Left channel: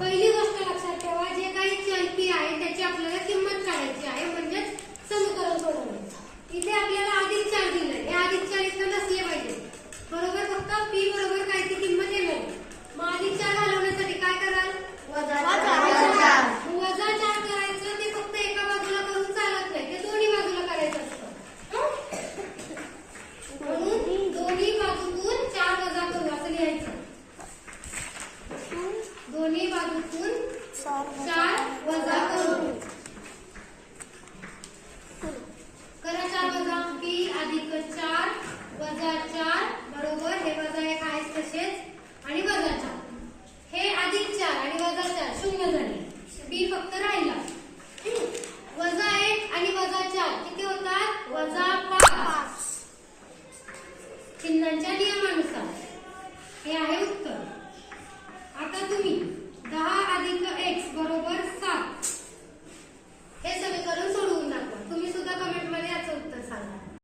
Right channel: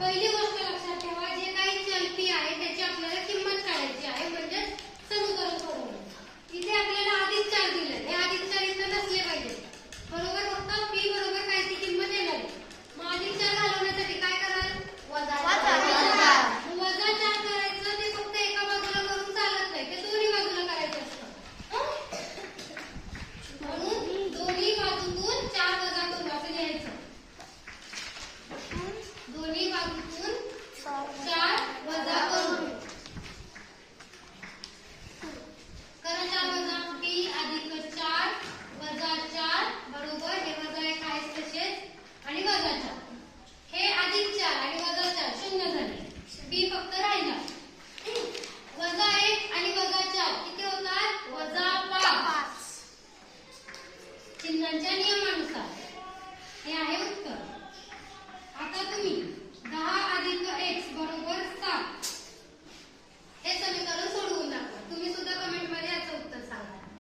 पहिली गोष्ट लक्षात ठेवा, जे काही चल पी आहे त्याची आपल्याला किंमत काढायची आहे, म्हणजेच समीकरण सोडवायचं। इथे आपल्याला आधीच चल दिलंय, हे आधीच चल इथं नसले पाहिजे, बरोबर। फक्त पी बरोबर काय ती किंमत येणार, मग आधीच चल घालवण्यासाठी काय कराल, वजा 4 करायचं। ते फक्त एका बाजूला करून चालत नाही, ते दोन्ही बाजूला करायचं असतं, म्हणून दोन्ही बाजूतून 4 वजा करू असं लिहायचं। दोन्ही बाजूतून 4